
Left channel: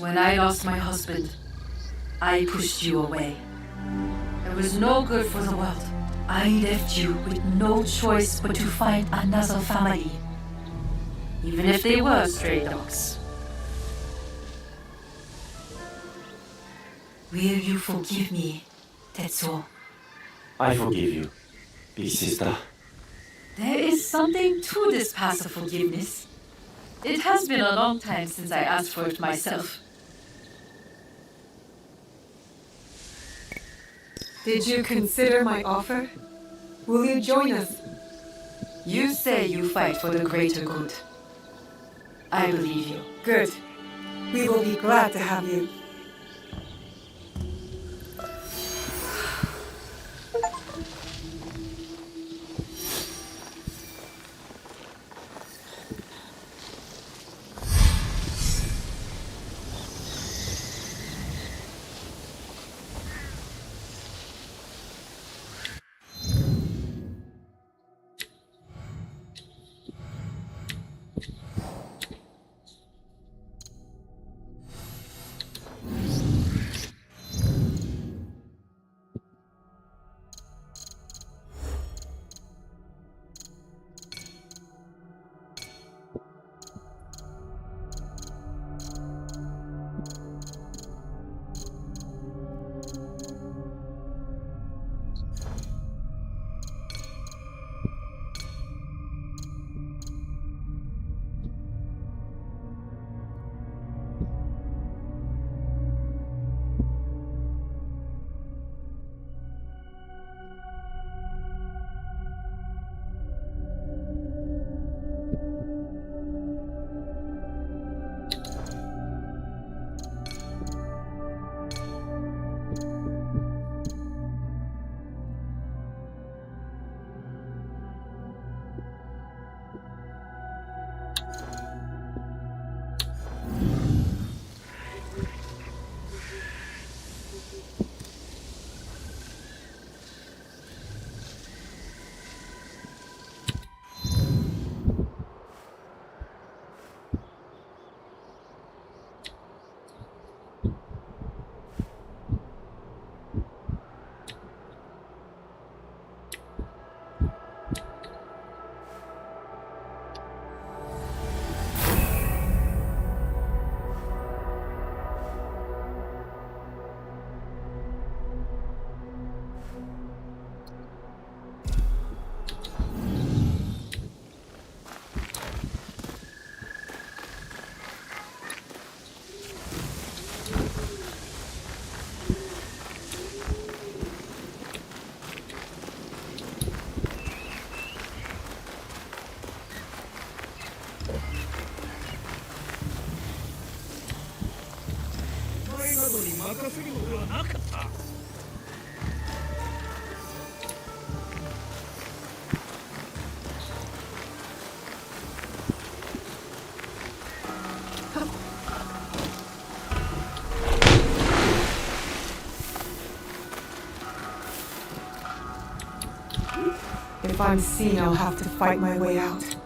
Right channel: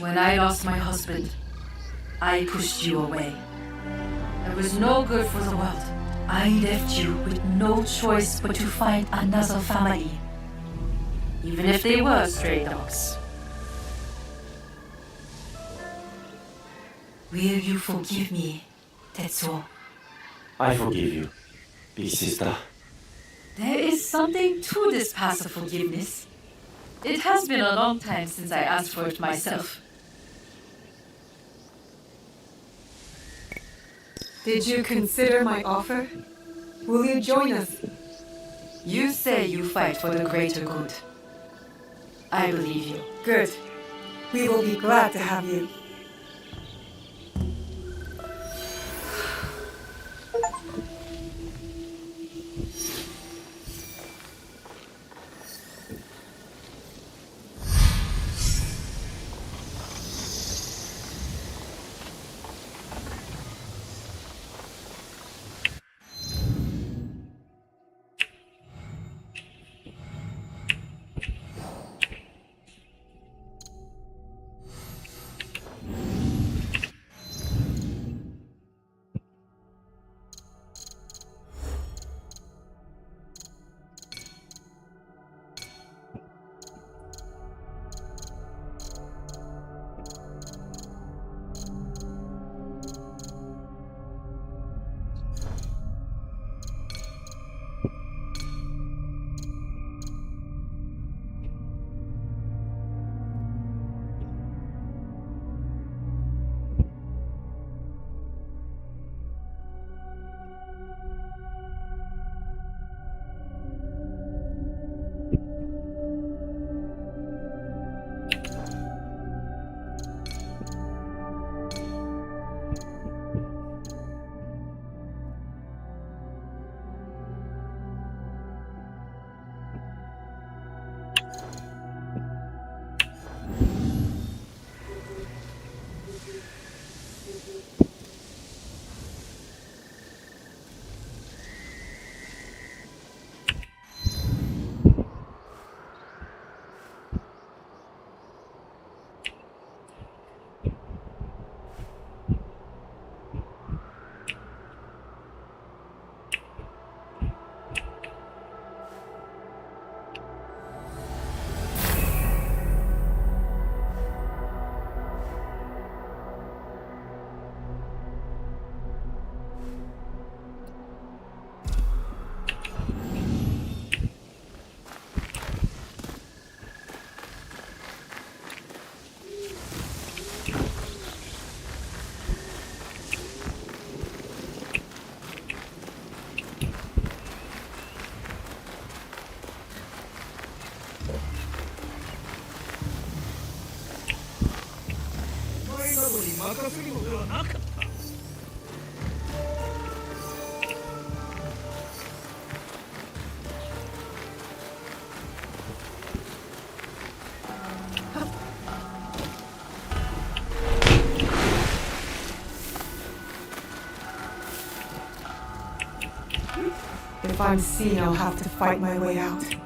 When I lost my husband, I pushed you away. It was no good for the world. I left you with no choice but to find another family, even if they were stray dogs. Will you forgive me, Tetsuo? I forgive you, big sister. There is something to this path of forgiveness. It has been a long time since I asked for it myself. Did you consider my offer? Will you join us? You say you fight for the greater good. I believe you. Good. We will be glad to have you. 若すぎもではなかった。 If I'm seen, I'll have to fight my way out.